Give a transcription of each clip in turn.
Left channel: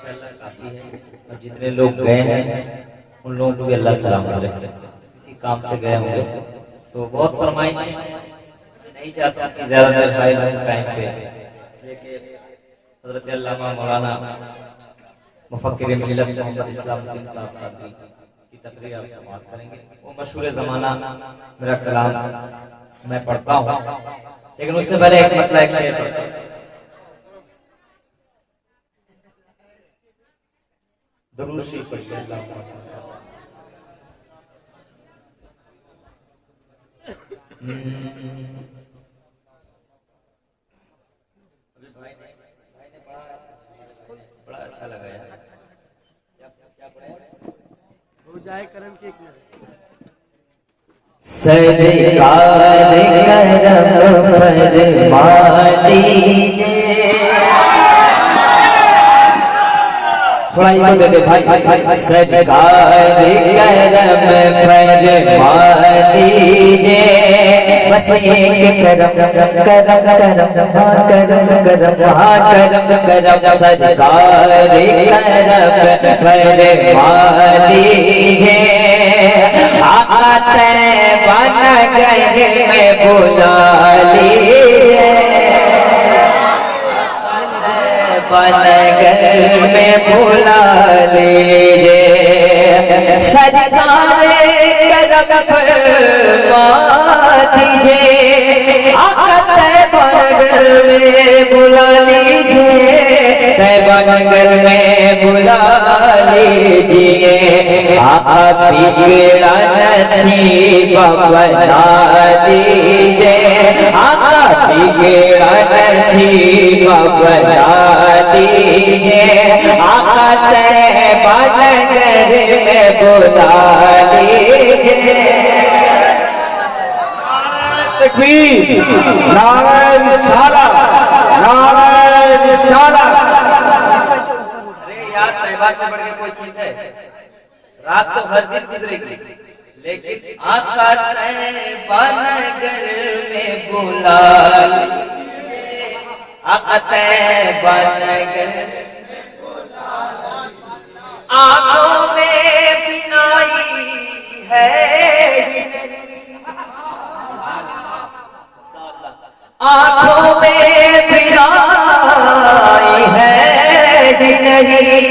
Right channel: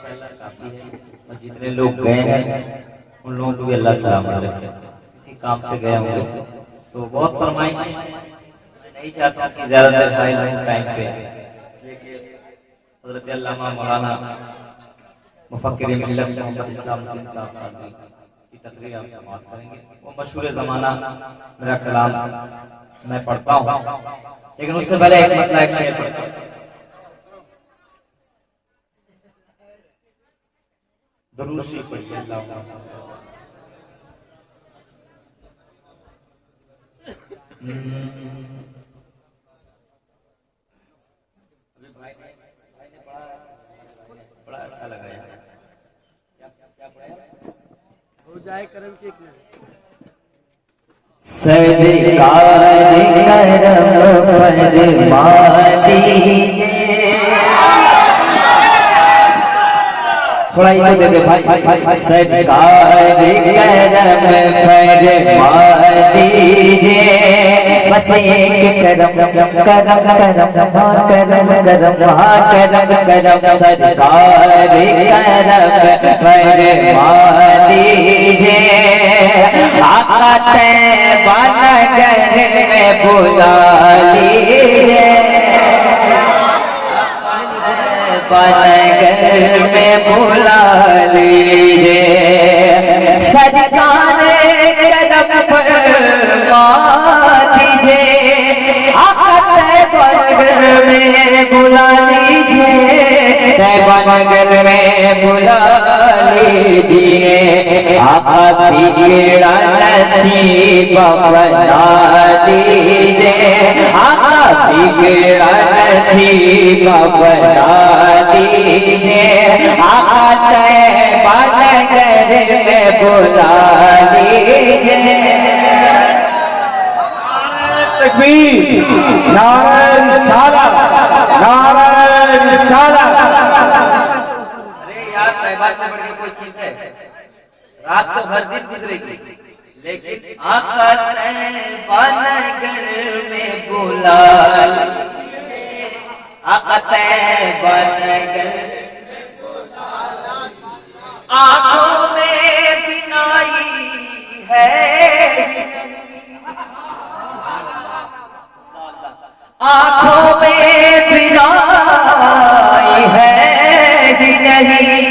माशाल्लाह काफी है। और जितने लोग गए हैं उन लोगों को भी अल्लाह सलामत रखे। किसी काम से गए होंगे तो बहुत फरमाइश नहीं चाहता कि ज्यादा देर हाई टाइम पे, इसलिए कि हज़रत अल्लामा मौलाना मुफक्किर मिल्लत मोहम्मद इस्लामुद्दीन साहब की तकरीर आप समाअत करेंगे। वो मशहूर ज़माना मेरा कलाम मैं पढ़ता हूँ, लेकिन उससे पहले एक मतलब एक शेर पढ़ता हूँ। दुरूद शरीफ पढ़िए। बड़ा अच्छा लगा यार। क्या पढ़े? हो जाए करम की एक नजर। सरकार करम फरमा दीजिए। थोड़ा ये दे दे भाई। सरकार करम फरमा दीजिए। बस एक करम करम करम करम सरकार करम फरमा दीजिए। आका तैयबा नगर में बुला लीजिए। नगर में बुला लीजिए। सरकार करम फरमा दीजिए। आका तैयबा नगर में बुला लीजिए। तैयबा नगर में बुला लीजिए। आका बिगड़ा नसीब बना दीजिए। आका बिगड़ा नसीब बना दीजिए। आका तैयबा नगर में बुला लीजिए। तकबीर, नाराए रिसालत, नाराए रिसालत। अरे यार, तैयबा से बढ़ के कोई चीज है? रात तो हर दिन गुजरेगी, लेकिन आका तैयबा नगर में बुला लीजिए। आका तैयबा नगर आंखों में बिनाई है। आंखों में बिनाई है ही नहीं।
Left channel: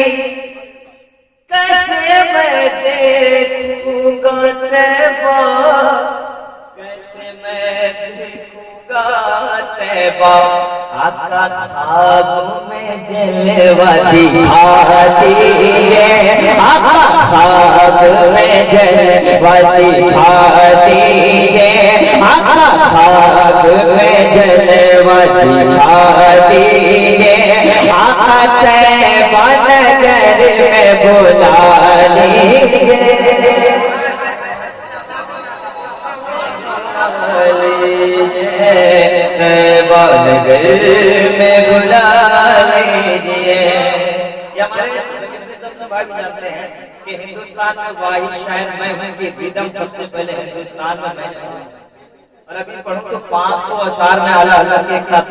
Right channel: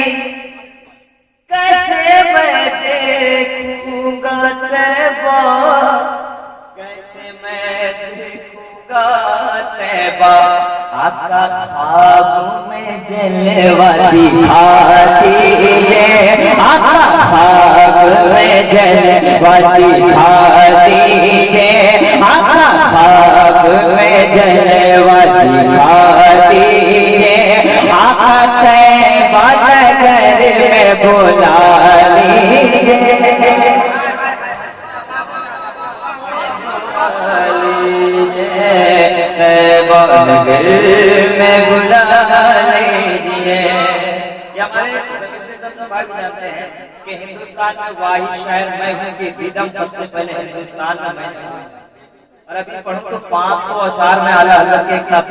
कैसे मैं देखूंगा तैयबा, कैसे मैं देखूंगा तैयबा। आका ख्वाब में जलवा दिखा दीजिए। आका ख्वाब में जलवा दिखा दीजिए। आका ख्वाब में जलवा दिखा दीजिए। आका तैयबा नगर में बुला लीजिए। तैयबा नगर में बुला लीजिए। ये हमारे भाई जानते हैं कि हिंदुस्तान में वाहिद शायर मैं हूँ कि रिदम सबसे पहले हिंदुस्तान में मैं हूँ। और अभी पढ़ूं तो 500 अशार में आला हज़रत के एक साथ,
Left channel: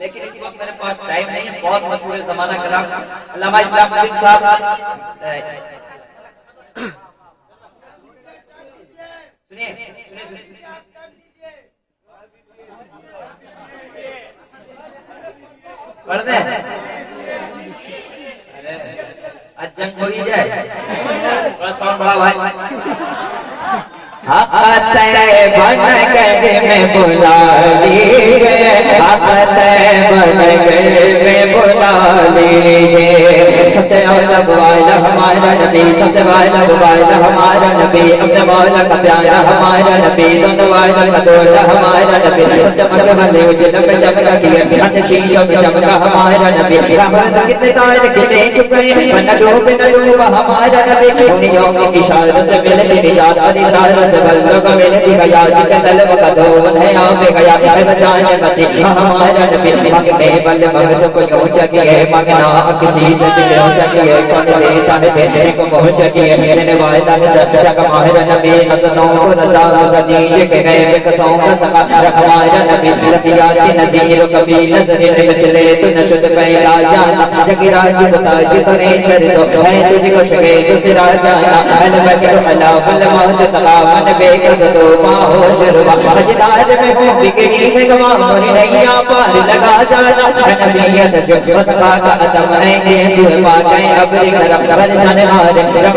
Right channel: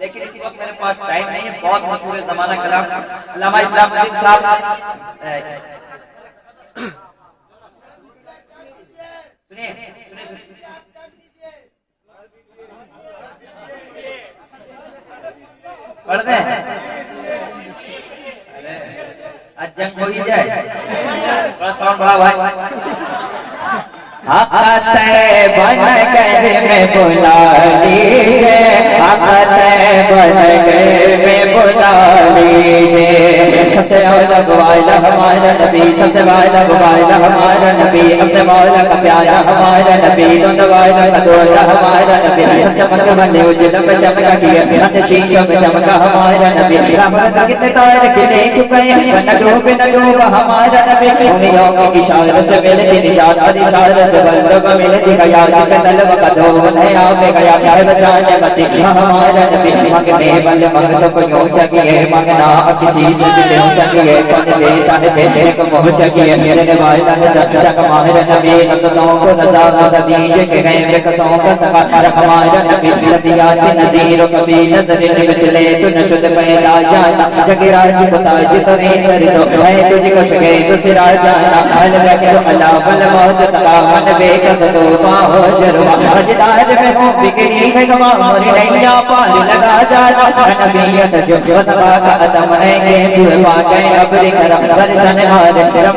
लेकिन इस वक्त मेरे पास टाइम नहीं है। बहुत मशहूर ज़माना कलाम अल्लामा इस्लामुद्दीन साहब। सुनिए पढ़ दें। अरे आज जंग हो ही जाए, थोड़ा साउंड बढ़ा भाई। आका तैयबा नगर में बुला लीजिए। आका तैयबा नगर में बुला लीजिए। सबसे औला वाला हमारा नबी, सबसे वाला वाला हमारा नबी, सबसे वाला का प्यारा हमारा नबी, दोनों वाला का दोला हमारा नबी। चमक बने उजल में चमका किया, शीशों में चमका हमारा नबी। रहमत कितने तारे खिले चुके, न डूब हमारा नबी। उंगलियों के इशारे से मिलती निजात, और इशारे से बंदों को मिलती गया। जिनका तलब का धोन है आप गया, प्यार बचाने मसीहा हमारा नबी। मांगने वाले भक्तों को यूं चाहिए, मांगना किसी से दिल सकिए कौन देता है देने को पहुंच किए देने वाला है जग माहिर नबी नतनों को रजा दीजे के गए बेकसों का समा हमारा नबी रबियात नजीर कभी नजर मिसले तो नशुद पैदा जाना जगराज बताज तोरे सरसो है तुझको शगे दूसरा जाना अल मगर अला बल मौत तबा मन बेकस तो बाहो जरवा हजदार में हो बिगड़ी है गवा मोरी नैया पार लगा जाना नबीयत जो वसफा का अदम है सुरपा गए अब्र करम बरसन हार रब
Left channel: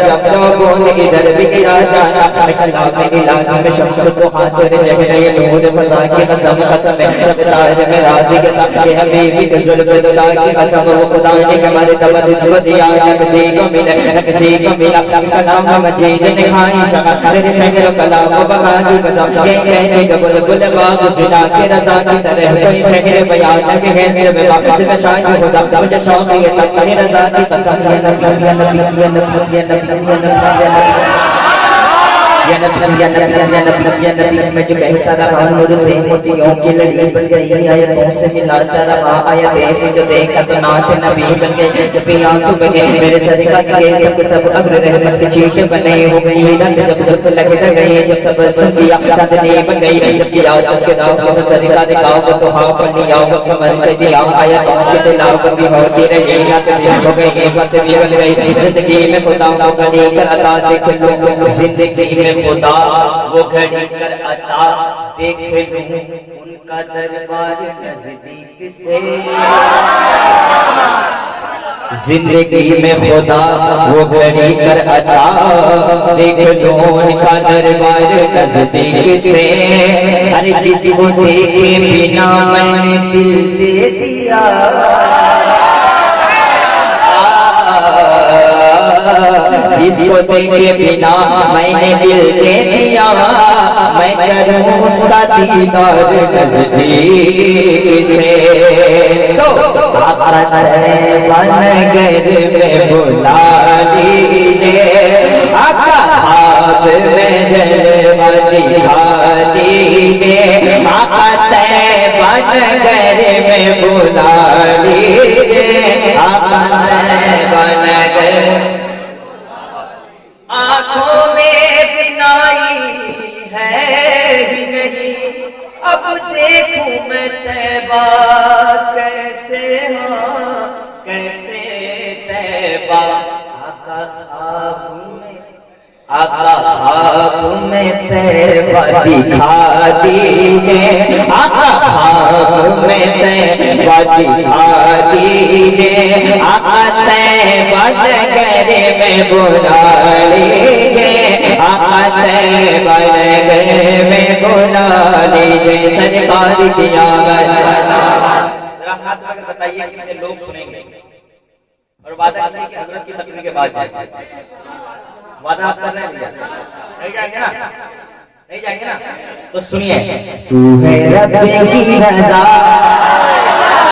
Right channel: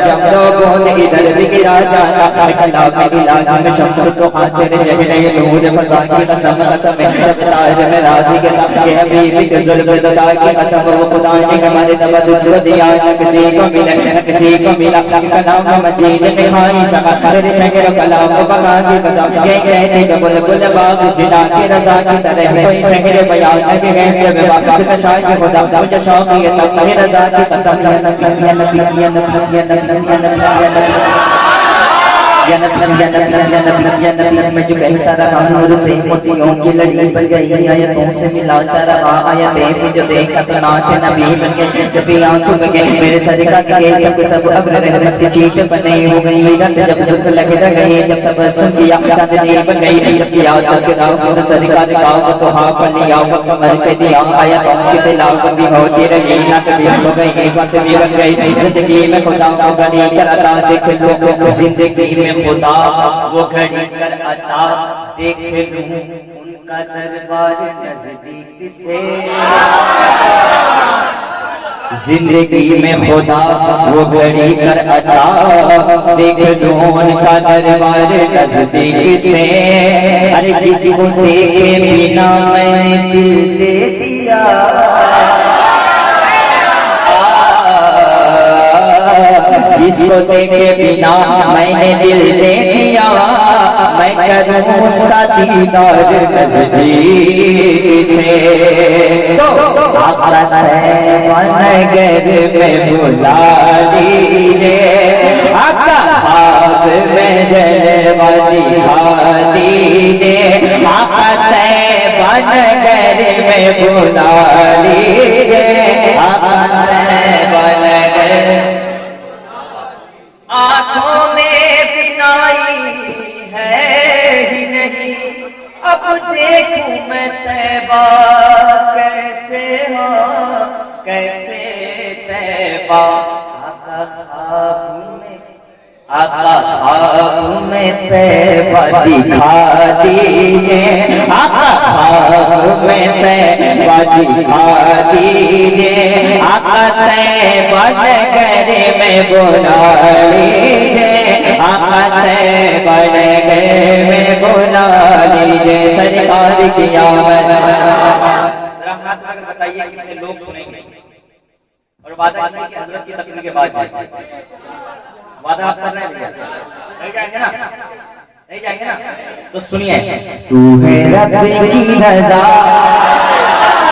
जब लोगों ने इधर बिगड़ा जाना कला में इलाज में शम्स को खातिर जहरे नूर फसा की कसम कसम रफ्तार में राजी के तब हबीब के जुल्फ ददा की कसम वो खुदा ने हमारे तबद जो दिया न किसी को मिला कलाम मजीद ने खानी शका तेरे शहर कलाम बका की कसम ये कहने का बुलबुल बाग जिला के रजा की तरह कोई शहर बयान के है में वापस का शायद खुदा मुझे शौक ये तब तेरे रजा की कसम में जो कहता रहा नूर से मोतियों की लड़ी बन गई आयतों से मिलाता रहा आया देख जो देखा तो नात नबी बन गए जब आंसू बगे मेरे सर का के सब अब्र रहमत की चीट बने हो गई रंग जब सुख लग गए जब तबस्सुम किया चांदनी बन गई जब याद उसके दाव को सर का दिखाओ तो हां पर लिया वो कमर पे दिया आया तो के दिलाव भी होती रही रात भी हो गई वक्त भी बन गई जिंदगी में खुदा को गली कर अता देख लो जिंदगी में खुदा वो घड़ी कर अता देख लूं उनका दरबार नजदीक से जिंदगी में खुदा वो घड़ी कर अता देख लूं उनका दरबार नजदीक से अरे जिसको देखे बिना मैंने दिल दे दिया जिसको देखे बिना मैंने दिल दे दिया मैं करूं उसका दीदार नजदीक से तो बनगर में बुला लीजिए आका खाब में जलवा दिखा दीजिए आका बनगर में बुला लीजिए आका बनगर आँखों में बिनाई है ही नहीं अब देखूं मैं तैबा कैसे तैबा आका ख्वाब में तैबा दिखा दीजिए आका ख्वाब में तैबा दिखा दीजिए आका तैबा नगर में बुला लीजिए आका तैबा नगर में बुला लीजिए सरकार की आवाज़ हाथ लगा बताइए कितने लोग सुनेंगे और वादा कीजिए कि हज़रत की तकरीर के बाद जाएंगे वादा आप कर रहे हैं भैया नहीं जाएंगे ना नहीं जाएंगे ना तो सुनिए तू है रब की रज़ा